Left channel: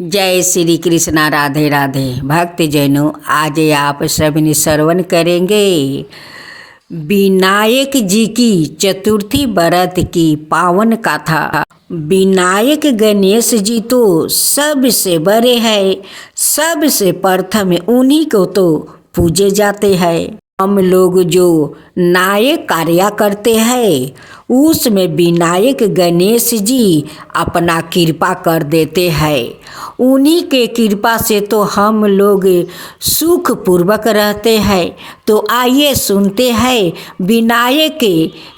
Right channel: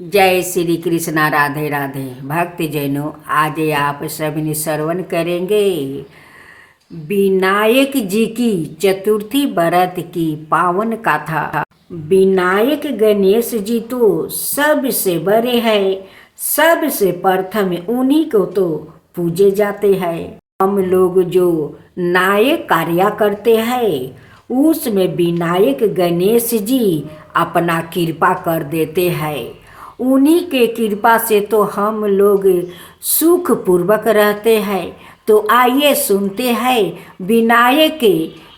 जय श्री कृष्णा। राधे राधे। भक्त जैनों, आज आप सभी श्रवण करेंगे विनायक जी की चतुर्थी व्रत की पावन कथा। विनायक गणेश जी तो सबसे बड़े हैं, सबसे प्रथम उन्हीं को तो पूजे जाते हैं। हम लोग जो नायक कार्य करते हैं उसमें विनायक गणेश जी अपना कृपा कर देते हैं। उन्हीं के कृपा से तो हम लोग सुख पूर्वक रहते हैं। तो आइए सुनते हैं विनायक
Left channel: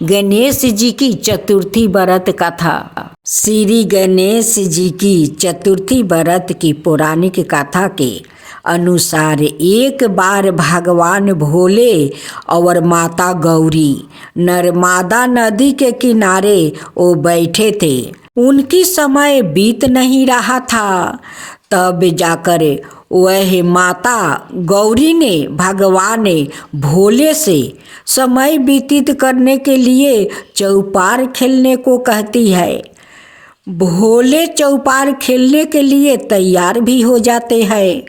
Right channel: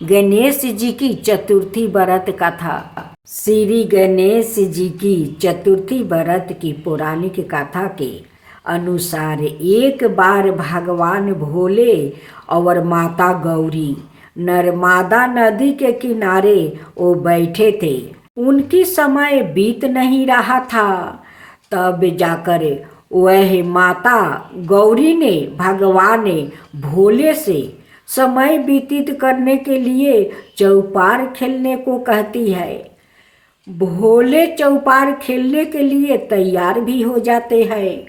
गणेश जी की चतुर्थी व्रत कथा। श्री गणेश जी की चतुर्थी व्रत की पौराणिक कथा के अनुसार एक बार भगवान भोले और माता गौरी नर्मदा नदी के किनारे वो बैठे थे। उनकी समय बीत नहीं रहा था। तब जाकर वह माता गौरी ने भगवान भोले से समय व्यतीत करने के लिए चौपार खेलने को कहती है। भोले चौपार खेलने के लिए तैयार भी हो जाते हैं,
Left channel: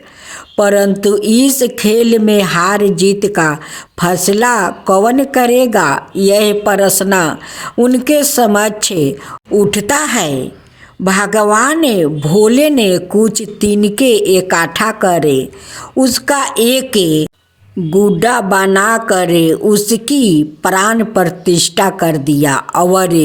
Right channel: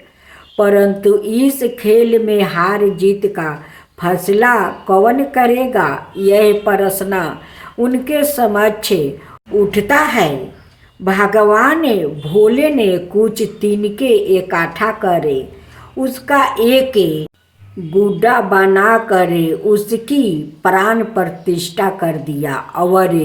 परंतु इस खेल में हार जीत का फैसला कौन करेगा, यह प्रश्न उनके समक्ष उठता है। भगवान भोले ने कुछ तिनके इकट्ठा करे उसका एक गुड्डा बना कर उसकी प्राण प्रतिष्ठा कर दिया और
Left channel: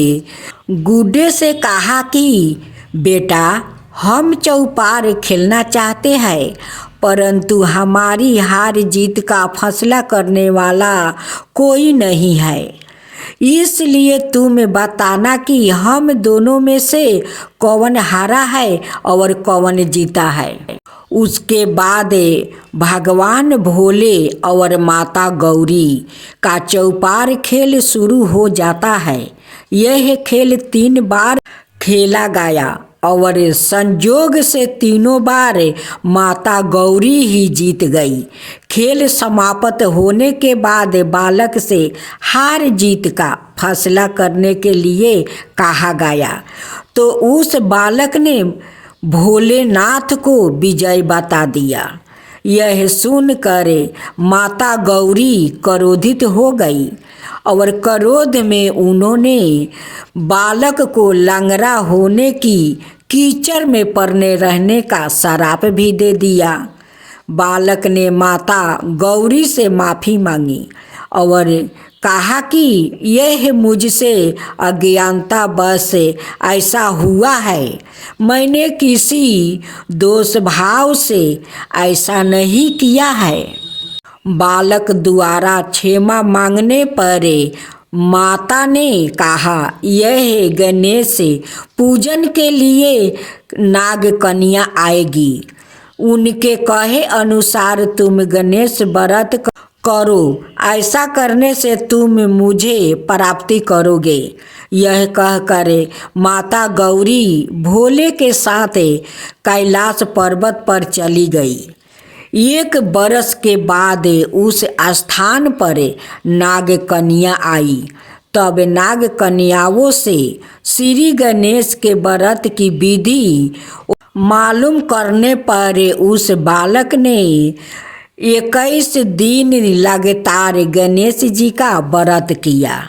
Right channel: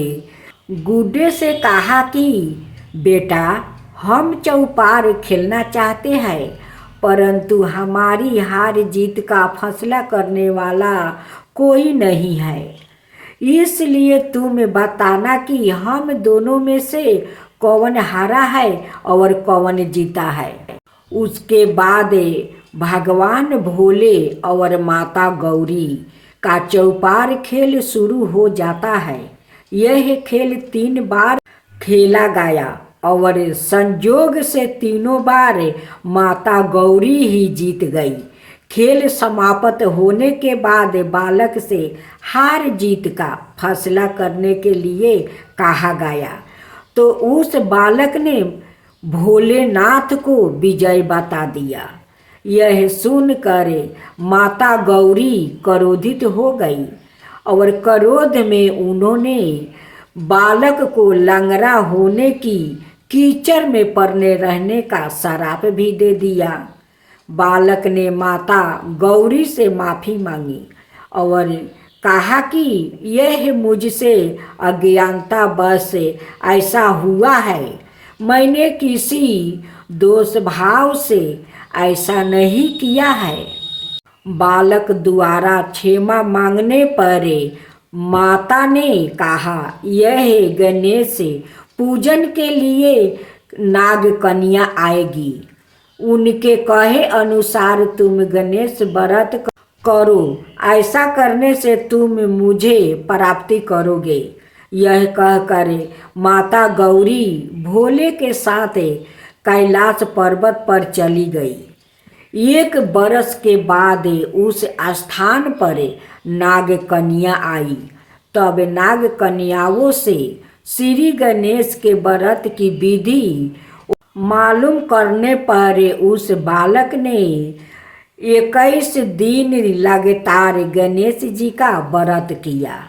गुड्डे से कहा कि बेटा, हम चौपार खेलना चाहते हैं, परंतु हमारी हार जीत का फैसला करने वाला कोई नहीं है, इसलिए तुम बताना कि हम दोनों में से कौन हारा है और कौन जीता है। उसके बाद भगवान भोले और माता गौरी का चौपार खेल शुरू हो जाता है। यह खेल 3 बार खेला गया और संयोग से तीनों बार माता गौरी ही जीत गई। खेल समाप्त होने के बाद बालक से हार जीत का फैसला करने के लिए कहा गया, तो उस बालक ने भोलेनाथ को विजय बता दिया। यह सुनकर माता गौरी क्रोधित हो गई और क्रोध में उन्होंने बालक को लंगड़ा होने की कीचड़ में पड़ने रहने का श्राप भी दे दिया। बालक ने माता गौरी से माफ़ी मांगी और कहा कि यह मुझसे अज्ञानता बस ऐसा हुआ है, मैंने किसी दोष भाव से ऐसा नहीं किया है। बालक द्वारा क्षमा मांगने पर माता ने कहा, यह गणेश पूजन के लिए नाग कन्या आएगी, उनके कहे अनुसार तुम गणेश व्रत करो, ऐसा करने से तुम मुझे प्राप्ति करोगे। यह कहकर माता गौरी भोले के साथ कैलाश पर्वत पर चली गई। 1 बरस के बाद उस स्थान पर नाग कन्या आई। तब नाग कन्याओं से श्री गणेश के व्रत की विधि मालूम करने पर उस बालक ने 21 दिन लगातार गणेश जी का व्रत किया।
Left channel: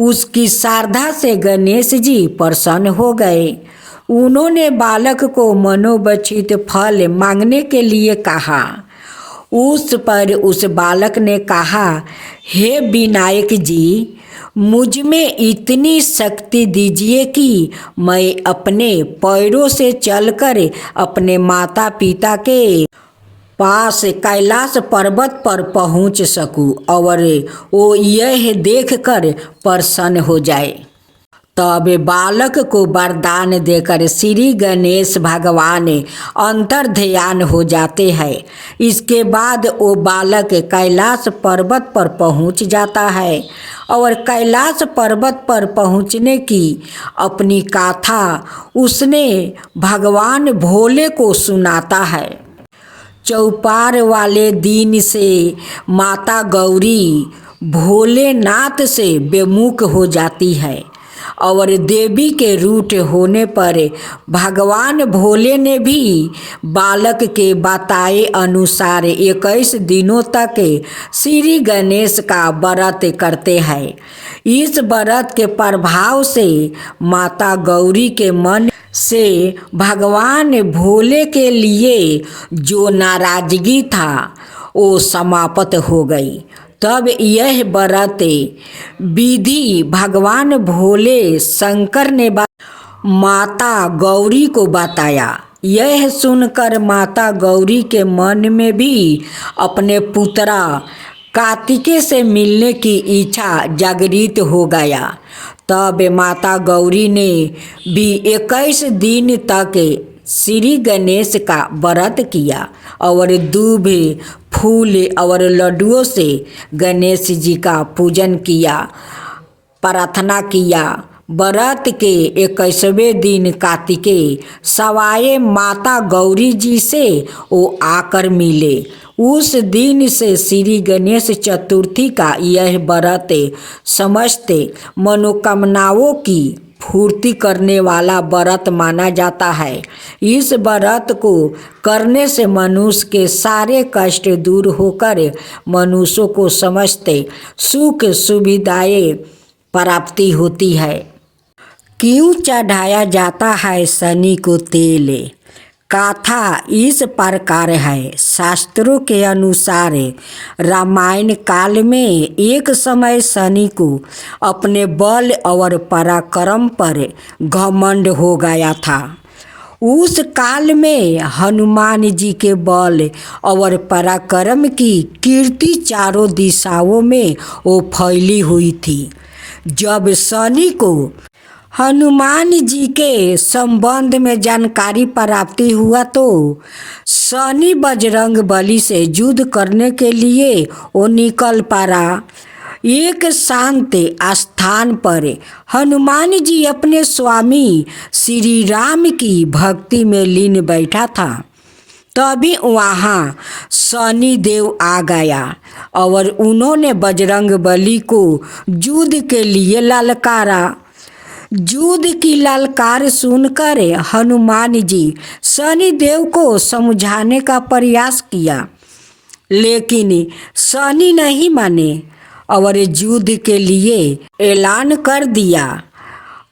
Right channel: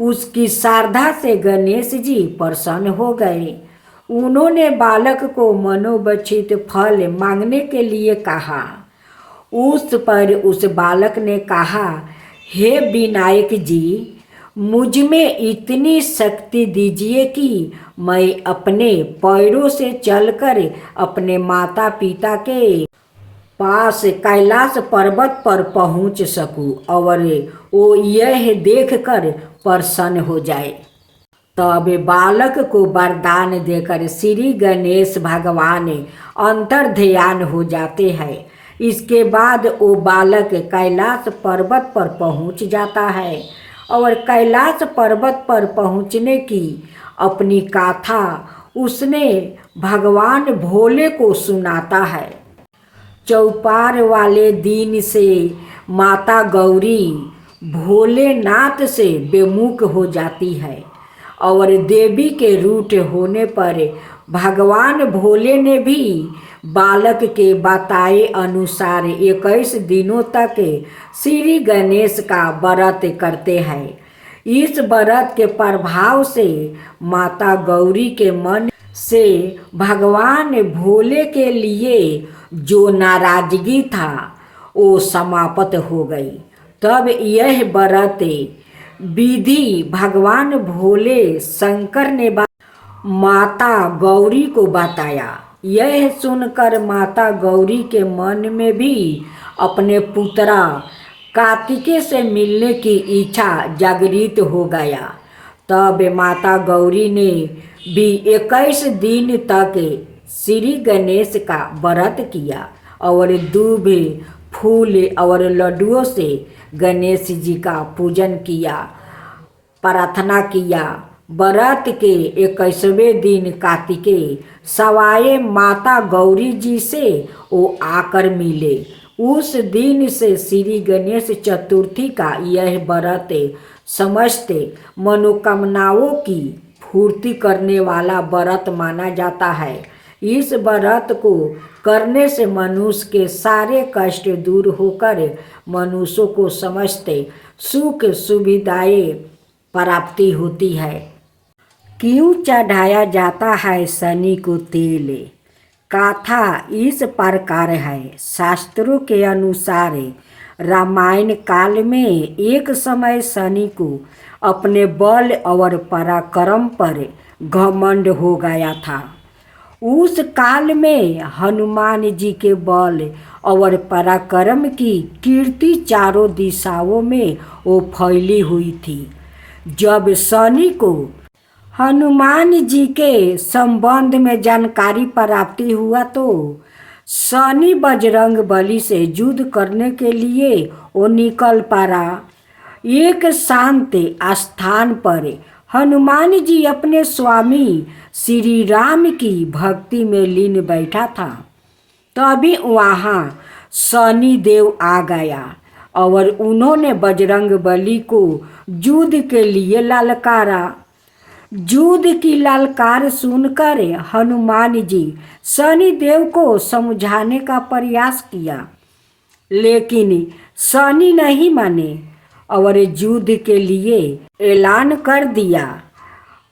उसकी श्रद्धा से गणेश जी प्रसन्न हो गए। उन्होंने बालक को मनोवांछित फल मांगने के लिए कहा। उस पर उस बालक ने कहा, हे विनायक जी, मुझ में इतनी शक्ति दीजिए कि मैं अपने पैरों से चलकर अपने माता पिता के पास कैलाश पर्वत पर पहुंच सकूं और वो यह देखकर प्रसन्न हो जाए। तब बालक को वरदान देकर श्री गणेश भगवान अंतर ध्यान हो जाते हैं। इसके बाद वो बालक कैलाश पर्वत पर पहुंच जाता है और कैलाश पर्वत पर पहुंचने की अपनी गाथा उसने भगवान भोले को सुनाता है। चौपार वाले दिन से माता गौरी भोलेनाथ से विमुख हो जाती है और देवी के रूठ होने पर भगवान भोले ने भी बालक के बताए अनुसार 21 दिनों तक श्री गणेश का व्रत करते हैं। इस व्रत के प्रभाव से माता गौरी के मन से भगवान भोले के लिए जो नाराजगी था वो समाप्त हो गई। तब यह व्रत विधि भगवान भोले शंकर ने माता गौरी को बताया। यह सुनकर माता गौरी के मन में भी अपने पुत्रा कार्तिकेय से मिलने की इच्छा जागृत हो गया। तब माता गौरी ने भी 21 दिन तक श्री गणेश का व्रत किया और दूब फूल और लड्डुओं से गणेश जी का पूजन किया, प्रार्थना किया। व्रत के 21वें दिन कार्तिकेय सवाए माता गौरी जी से वो आकर मिले। उस दिन से श्री गणेश चतुर्थी का यह व्रत समस्त मनोकामनाओं की पूर्ति करने वाला व्रत माना जाता है। इस व्रत को करने से मनुष्य के सारे कष्ट दूर होकर मनुष्यों को समस्त सुख सुविधाएं प्राप्ति होती है। क्यों चढ़ाया जाता है शनि को तेल? कथा इस प्रकार है। शास्त्रों के अनुसार रामायण काल में एक समय शनि को अपने बल और पराक्रम पर घमंड हो गया था। उस काल में हनुमान जी के बल और पराक्रम की कीर्ति चारों दिशाओं में वो फैली हुई थी। जब शनि को हनुमान जी के संबंध में जानकारी प्राप्ति हुआ तो शनि बजरंग बली से युद्ध करने के लिए वो निकल पड़ा। एक शांत स्थान पर हनुमान जी अपने स्वामी श्री राम की भक्ति में लीन बैठा था। तभी वहाँ शनि देव आ गया और उन्होंने बजरंग बली को युद्ध के लिए ललकारा। युद्ध की ललकार सुनकर हनुमान जी शनि देव को समझाने का प्रयास किया, लेकिन शनि नहीं माने और युद्ध के लिए ऐलान कर दिया।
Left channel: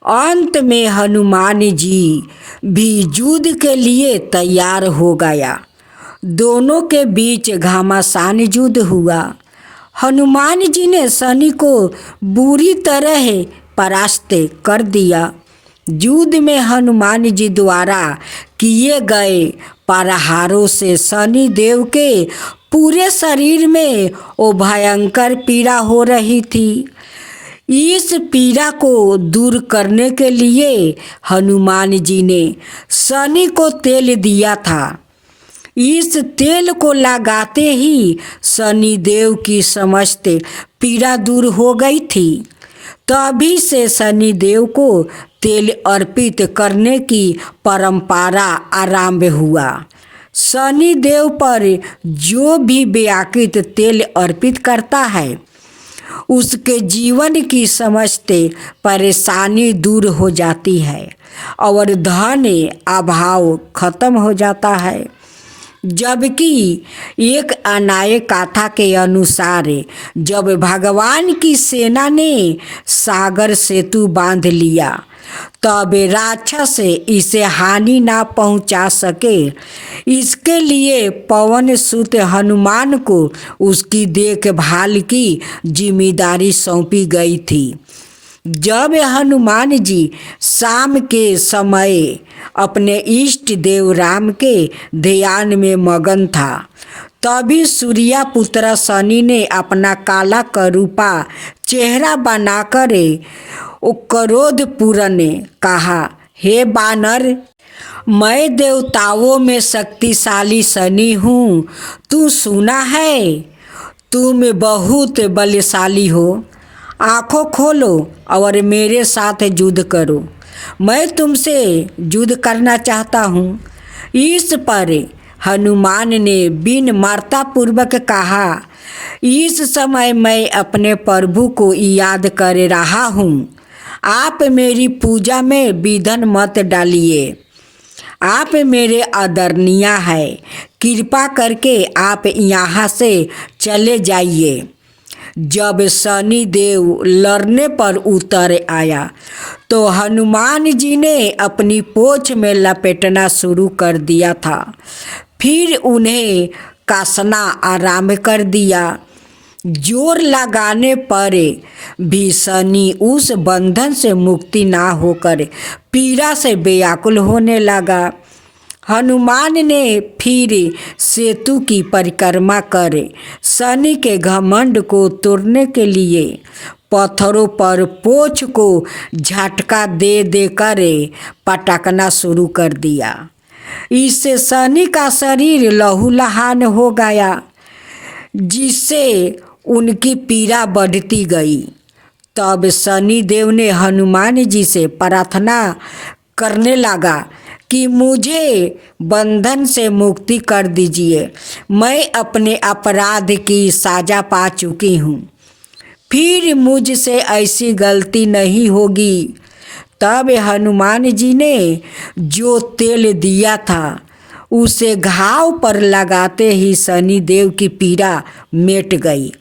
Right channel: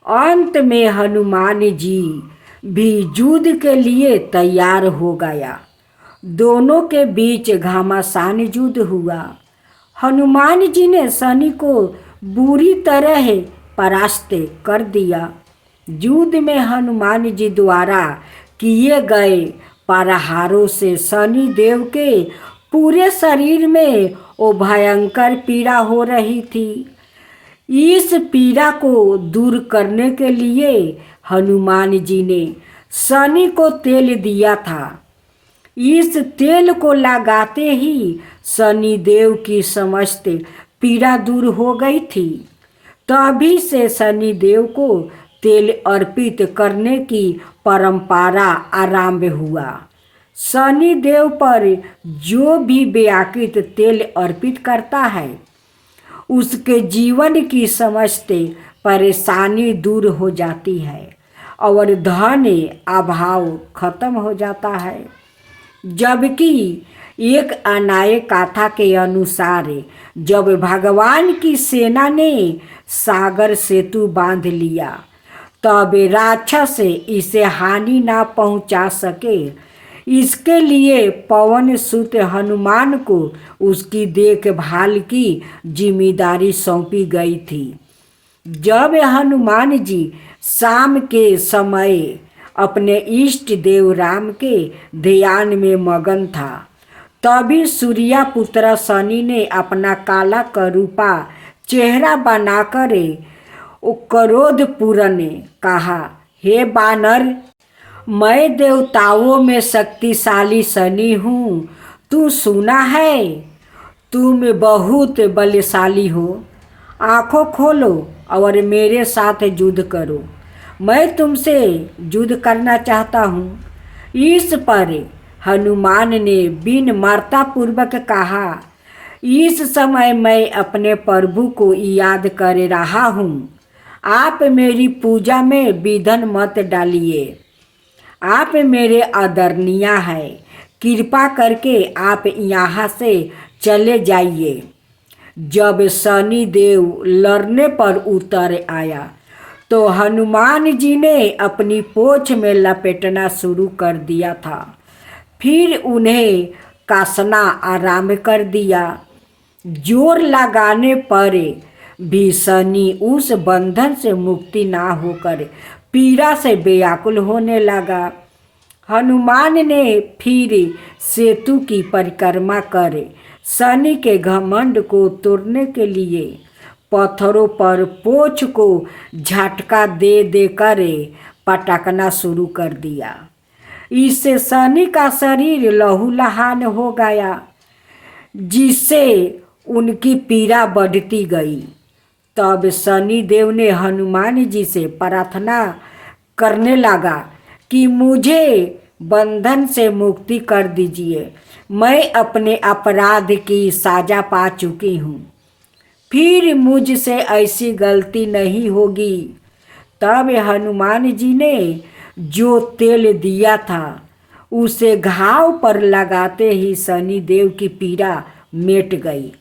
अंत में हनुमान जी भी युद्ध के लिए तैयार हो गया। दोनों के बीच घमासान युद्ध हुआ। हनुमान जी ने शनि को बुरी तरह परास्त कर दिया। युद्ध में हनुमान जी द्वारा किए गए प्रहारों से शनि देव के पूरे शरीर में वो भयंकर पीड़ा हो रही थी। इस पीड़ा को दूर करने के लिए हनुमान जी ने शनि को तेल दिया था। इस तेल को लगाते ही शनि देव की समस्त पीड़ा दूर हो गई थी। तभी से शनि देव को तेल अर्पित करने की परंपरा आरंभ हुआ। शनि देव पर जो भी व्याकृत तेल अर्पित करता है उसके जीवन की समस्त परेशानी दूर हो जाती है और धन अभाव खत्म हो जाता है। जबकि एक अन्याय कथा के अनुसार जब भगवान की सेना ने सागर सेतु बांध लिया तब राक्षस इसे हानि ना पहुंचा सके, इसके लिए पवन सुत हनुमान को उसकी देखभाल की जिम्मेदारी सौंपी गई थी। जब हनुमान जी शाम के समय अपने इष्ट देव राम के ध्यान में मगन था, तभी सूर्या पुत्र शनि ने अपना काला करूपा चेहरा बनाकर क्रोधपूर्ण कहा, हे बानर, मैं देवताओं में शक्तिशाली शनि हूँ, तू सुना है? तुम बहुत बलशाली हो। आँखों खोलो और मेरे साथ युद्ध करो। मैं तुमसे युद्ध करना चाहता हूँ। इस पर हनुमान ने विनम्रता पूर्वक कहा, इस समय मैं अपने प्रभु को याद कर रहा हूँ। आप मेरी पूजा में विघ्न मत डालिए। आप मेरे आदरणीय हैं, कृपा करके आप यहाँ से चले जाइए। जब शनि देव लड़ने पर उतर आया तो हनुमान जी ने अपनी पोंछ में लपेटना शुरू कर दिया था। फिर उन्हें कसना आराम कर दिया। जोर लगाने पर भी शनि उस बंधन से मुक्ति ना होकर पीड़ा से व्याकुल होने लगा। हनुमान ने फिर सेतु की परिक्रमा कर शनि के घमंड को तोड़ने के लिए पत्थरों पर पोंछ को झटका दे देकर पटकना शुरू कर दिया। इससे शनि का शरीर लहूलुहान हो गया, जिससे उनकी पीड़ा बढ़ती गई। तब शनि देव ने हनुमान जी से प्रार्थना करने लगा कि मुझे बंधन से मुक्ति कर दीजिए। मैं अपने अपराध की सजा पा चुकी हूँ, फिर मुझसे ऐसी गलती नहीं होगी। तब हनुमान जी ने जो तेल दिया था उसे घाव पर लगाते ही शनि देव की पीड़ा मिट गई।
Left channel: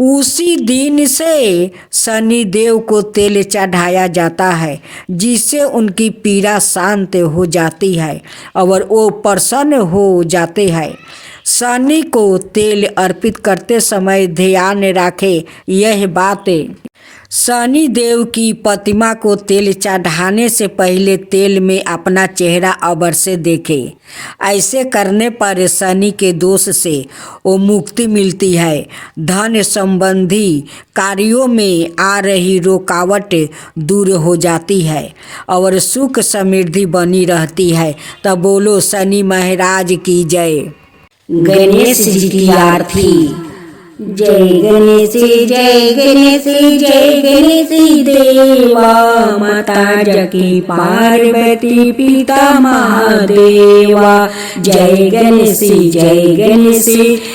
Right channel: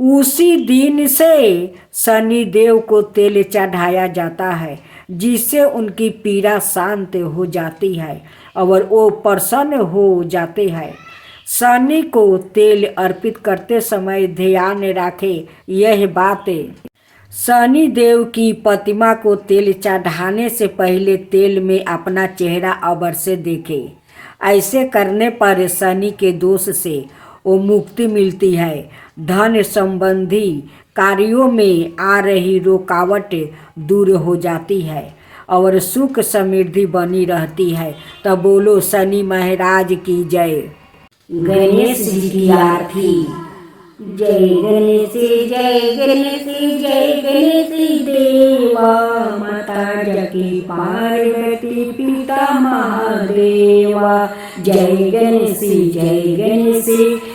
उसी दिन से शनि देव को तेल चढ़ाया जाता है, जिससे उनकी पीड़ा शांत हो जाती है और वो प्रसन्न हो जाते हैं। शनि को तेल अर्पित करते समय ध्यान रखें यह बात। शनि देव की प्रतिमा को तेल चढ़ाने से पहले तेल में अपना चेहरा अवश्य देखें। ऐसे करने पर शनि के दोष से वो मुक्ति मिलती है। धन संबंधी कार्यों में आ रही रुकावट दूर हो जाती है और सुख समृद्धि बनी रहती है। तब बोलो शनि महाराज की जय। गणेश जी की आरती। जय गणेश जय गणेश जय गणेश देवा, माता जकी पार्वती पिता महादेवा। जय गणेश जय गणेश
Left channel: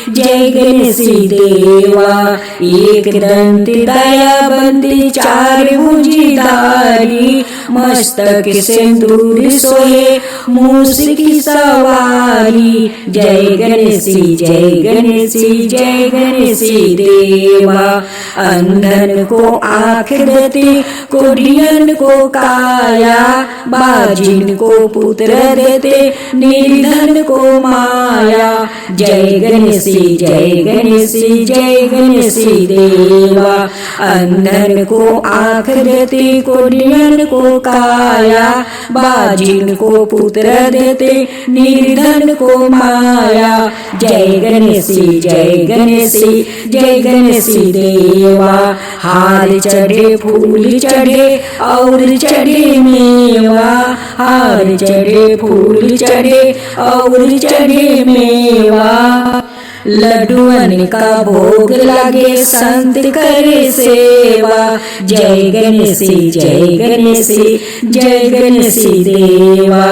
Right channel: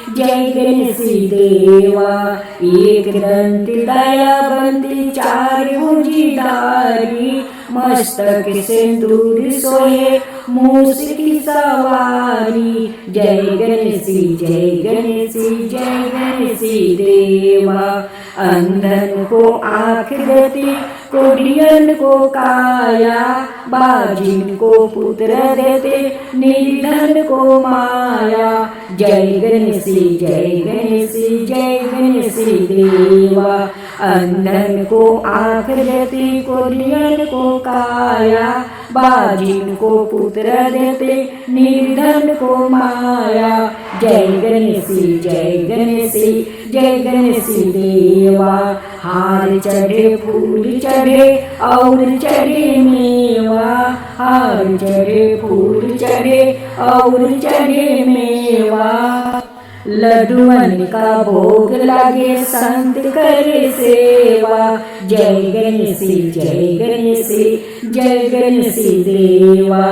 जय गणेश देवा, एक दंत दयाबंदी चार भुजधारी, मस्तक सिंदूर सोहे मूस की सवारी। जय गणेश जय गणेश जय गणेश देवा, अंधन को आँख देते, कोढ़ियन को काया, बाजिन को पुत्र देते, निर्धन को माया। जय गणेश जय गणेश जय गणेश देवा, अंधन को आँख देते, कोढ़ियन को काया, बाजिन को पुत्र देते, निर्धन को माया। जय गणेश जय गणेश जय गणेश देवा, हार चढ़े फूल चढ़े और चढ़े मेवा, हार चढ़े फूल चढ़े और चढ़े मेवा। लड्डुअन का भोग लगे संत करे सेवा। जय गणेश जय गणेश जय गणेश देवा,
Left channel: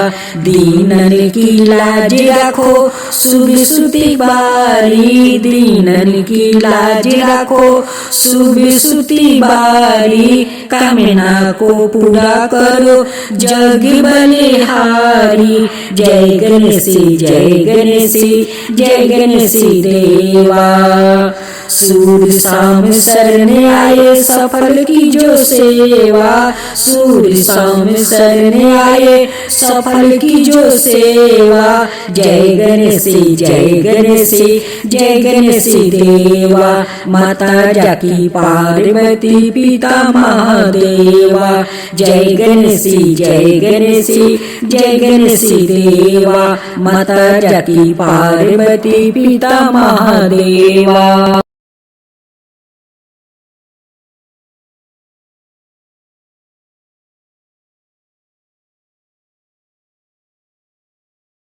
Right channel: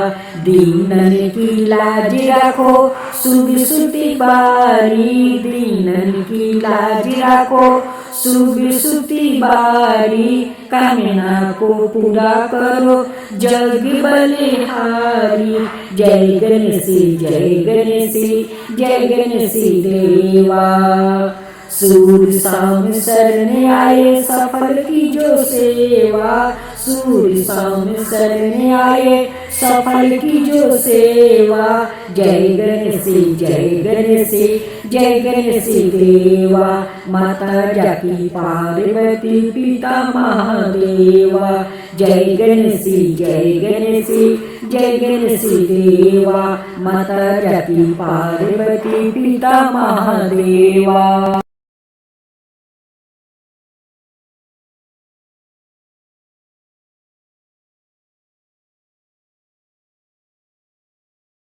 दीनन की लाज रखो शुभ सुति बारी, दीनन की लाज रखो शुभ सुति बारी। कामना को पूरा करो जग बलिहारी। जय गणेश जय गणेश जय गणेश देवा, सूर्य शाम शरण आए सफल की जो सेवा, सूर्य शाम शरण आए सफल की जो सेवा। जय गणेश जय गणेश जय गणेश देवा, माता जाकी पार्वती पिता महादेवा। जय गणेश जय गणेश जय गणेश देवा, माता जाकी पार्वती पिता महादेवा।